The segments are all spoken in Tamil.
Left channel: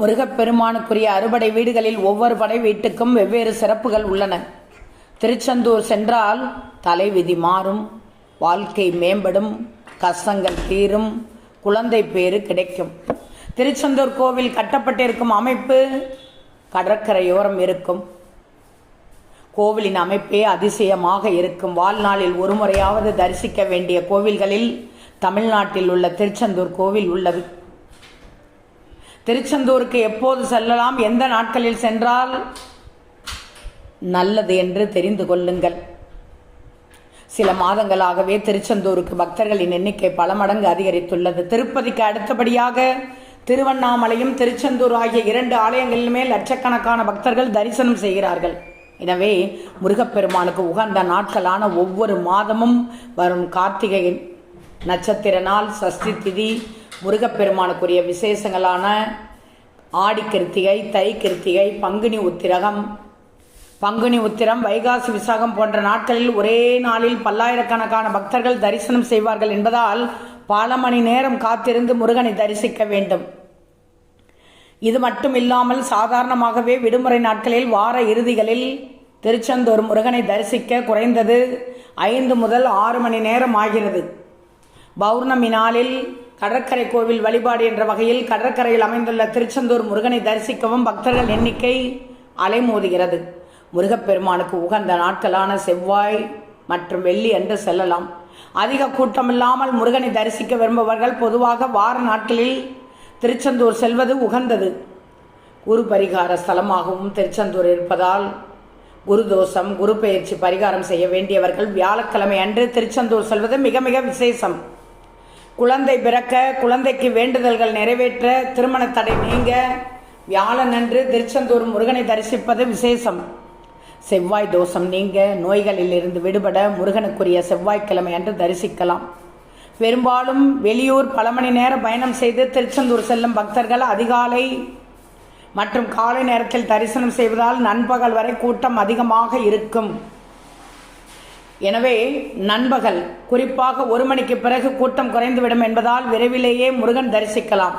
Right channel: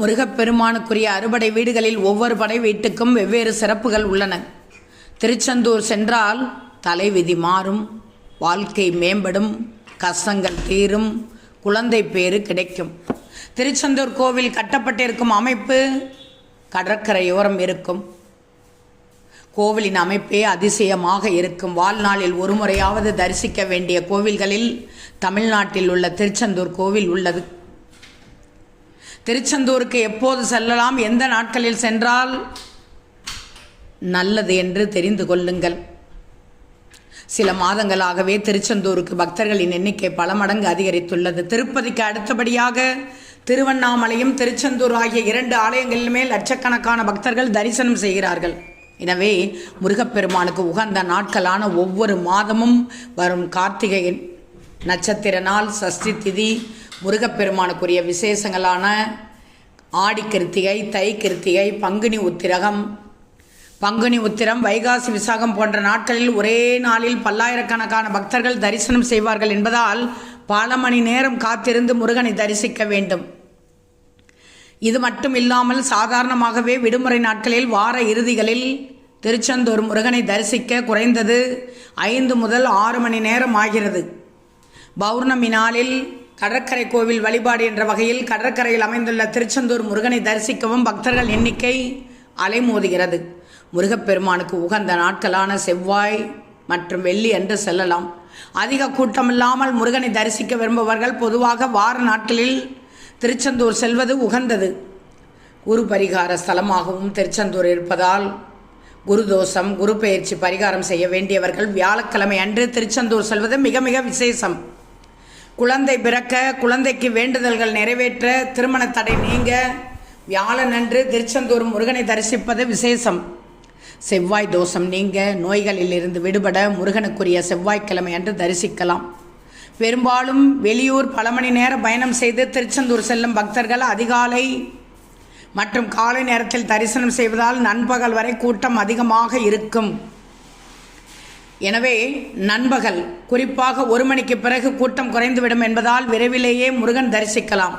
முருகப்பெருமானுக்குரிய அறுபடை வீடுகளில் ஒவ்வொரு படை வீட்டுக்கும் வெவ்வேறு சிறப்புகள் உள்ளன. திருச்செந்தூர் சென்றால் தலைவிதி மாறும், வாழ்க்கை மேம்படும், கஷ்டங்கள் தீரும், குழந்தை பேறு கிடைக்கும். திருச்செந்தூர் கோவில் கட்டப்பட்டிருக்கும் அமைப்பு கடற்கரையோரம் இருக்கும். கோவிலின் அமைப்பே அதிசயமாக இருக்கும். வாழ்நாளில் ஒரு முறையாவது தரிசிக்க வேண்டிய கோவில்களில் தமிழ்நாட்டில் உள்ள திருச்செந்தூர் கோவில் உள்ளது. திருச்செந்தூருக்கு எப்போது செல்லலாம், எந்த நாட்களில் சென்றால் நல்லது என்று தெரிந்து கொள்ளுங்கள். சில மாதங்களாகவே திருச்செந்தூருக்கு பக்தர்களின் எண்ணிக்கை பல மடங்கு அதிகரித்துள்ளது. திருப்பதிக்கு அடுத்தபடியாக திருவண்ணாமலையும் திருச்செந்தூர் ஆகிய 2 ஆலயங்களிலுமே லட்சக்கணக்கான பக்தர்கள் தரிசனம் செய்கிறார்கள். எனவே முருகப்பெருமானுக்கு உகந்த நாட்களான ஒவ்வொரு மாதமும் வரும் கார்த்திகை நட்சத்திர நாள், சஷ்டி திதி, முருகப்பெருமானுக்குரிய விசேஷங்களான ஆடி கிருத்திகை, தை கிருத்திகை, பங்குனி உத்திரம், வைகாசி விசாகம் போன்ற நாட்களில் ஒரே நாளில் பல்லாயிரக்கணக்கான பக்தர்கள் தரிசனம் செய்வார்கள் என்பதால் பல மணி நேரம் காத்திருந்து முருகனை தரிசிக்க வேண்டும். இது மட்டும் இல்லாமல் சாதாரணமாகவே விடுமுறை நாட்களில் வார இறுதிகளில் திருச்செந்தூர் முருகனை தரிசிக்க குறைந்தது 5 முதல் 6 மணி நேரம் ஆகிறது. பௌர்ணமி நாளில் கடற்கரை கோவில் வழிபாடு என்ற வகையில் கடற்கரையில் அமைந்துள்ள திருச்செந்தூர் முருகனை தரிசிக்கவும் பக்தர்கள் எண்ணிக்கை அலைமோதுகிறது. முருகப்பெருமானுக்கு உகந்த நாட்களான செவ்வாய் மற்றும் வெள்ளி அன்று செல்லலாம். அதிக கூட்டமில்லாமல் முருகனை தரிசிக்க விரும்புபவர்கள் பொதுவாக வார நாட்களில் திருச்செந்தூர் செல்வது உகந்தது. குரு பரிகார ஸ்தலமாகவும் திருச்செந்தூர் இருப்பதால் குரு தோஷம், குரு பெயர்ச்சி பரிகாரம் செய்ய வேண்டியவர்கள் வியாழக்கிழமை அன்று திருச்செந்தூர் செல்வது மிக மிக விசேஷம். குழந்தை பிறக்க, குழந்தைக்கு வேண்டுதல்கள் நிறைவேற்ற, திருமண தடை நீங்க வியாழனன்று திருச்செந்தூர் முருகனை தரிசிப்பது விசேஷம். செவ்வாய் தோஷம் நீங்க, நோய்களில் இருந்து விடுபட முருகனுக்குரிய செவ்வாய்க்கிழமை அன்று தரிசிக்கலாம். பெரும்பாலும் வெளியூர் பல மணி நேர பயணம் செய்து திருச்செந்தூர் செல்லும் பக்தர்கள் அதிகாலை மற்றும் காலை நேரத்தில் தரிசனம் செய்வதால் நண்பகல் வரை கூட்டம் அதிகமாக இருக்கும். எனவே நண்பகல் குறிப்பாக 1 மணிக்கு பிறகு கூட்டம் குறைந்துவிடும் என்பதால் விரைவிலேயே முருகன் தரிசிக்கலாம்.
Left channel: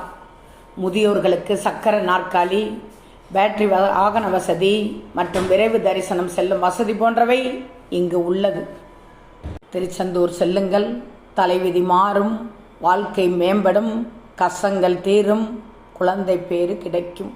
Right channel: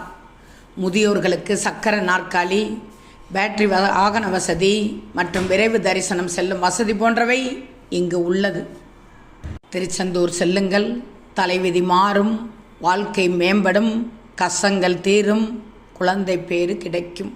முதியோர்களுக்கு சக்கர நாற்காலி, பேட்டரி வாகன வசதி மற்றும் விரைவு தரிசனம் செல்லும் வசதி போன்றவை இங்கு உள்ளது. திருச்செந்தூர் செல்லுங்கள், தலைவிதி மாறும், வாழ்க்கை மேம்படும், கஷ்டங்கள் தீரும், குழந்தை பேறு கிடைக்கும்.